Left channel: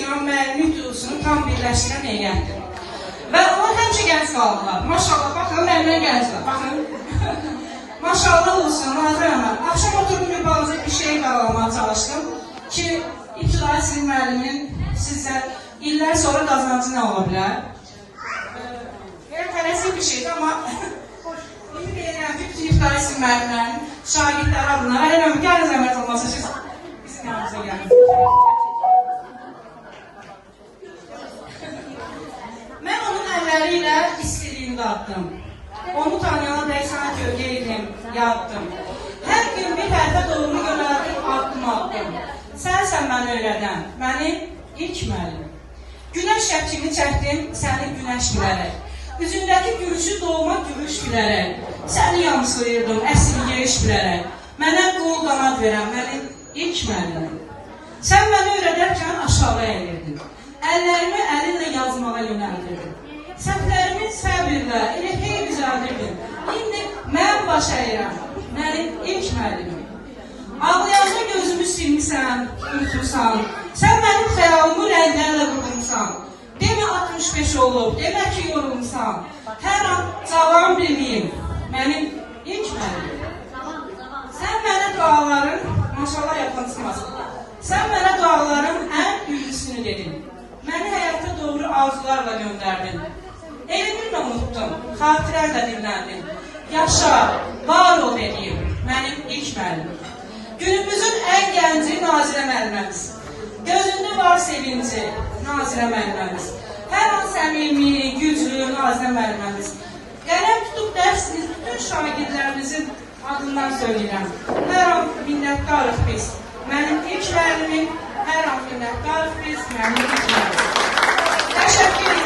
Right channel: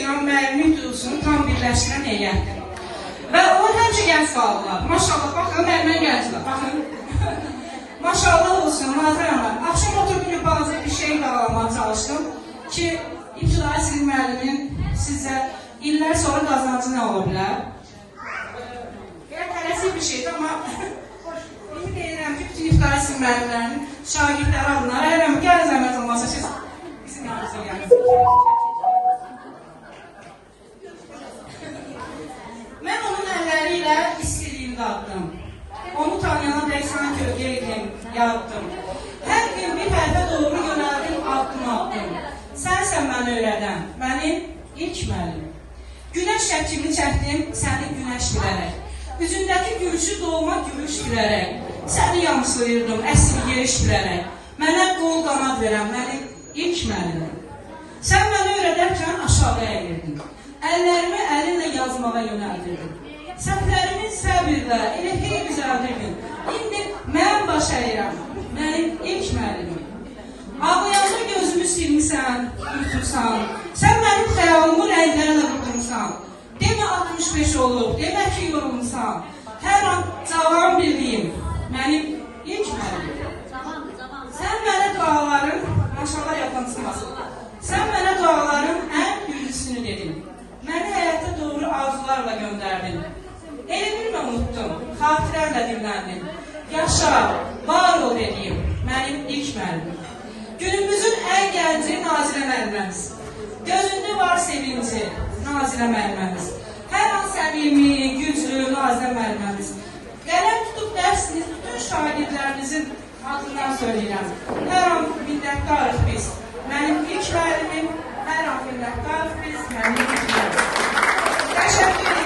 ilə müəllimin duygusunu tam birləşdirən heyətdir. Və onlar həmişə gənc qaldılar. Maşallah, baxın, müəllimə gənclər. Baxın. Maşallah olsun, Nazir Hanım. Axşam oturduğum bazı bir şey bağlamaya çalışdım ki, ibtidai sizin müəllimin sizə illər sonra qazancı nə ola bilər? Yəni, tələsik bir şeydir, amma onu deyirəm ki, bütün ibtidai sizin müəllimlərin şagirdləri adına. Ələm, gəlin zəhmət olmasa siz bizim yanımıza gəlin. Mən onun əlləri istədiyini qatdım. Onu tanıyana dəysana kölgə edim, yapdım. Hər gün bir tərəfə doğru yönəldim, addım atdım. Sənsən məni öyrədən, mənim ilk müəllim. Günəş şəkilini çəkdim, səni günəş bilərək. Üzündəki gülüşü doğma gülüş bilərək. Səni yamsılayırdım, əsli yeyiş bilərək. Mənə qol qanad verən, mənim ilk müəllimim. Sən məni öyrədərkən aşağı əyirdin. Əllərimi əlinlə yazmağa yönəldirdin. Səhvlərimi səbirlə, elə hey düzəldirdin. İndi mən baş əyirəm, mənim ilk müəllimim. Ağlayacaq gözümü silmişsən, ürtürsən. Sən mənim xəyalımı rənglərlə vurmuşsan. Demə 65 olub, demə ki yorulmuşsan. Hər an cavan bilməyim, mənim ilk müəllimim. Sən mənə duaların, maşallah yaxansınasın. Sən mənə duaların ən birincisini dedin. Məni həyata doğru arzularla göndərdin. Elmimlə unutdum, xatirərlə dinləndin. Yaşa, var ol dediyim, mənim ilk müəllimim. Günümüzün ən gənci Nazirə müəlliməmiz. Gözündə var sevinci Nazirə müəlliməmiz. Hər an səmimi, güclü Nazirə müəlliməmiz. Qələm tutub dərsiniz bütün şagirdlərimizin adından söyləyirəm. Hər an minnətdarıq biz. Mənim ilk müəllimim, hər an minnətdarıq biz, mənim ilk müəllimim. Təşəkkür edirəm.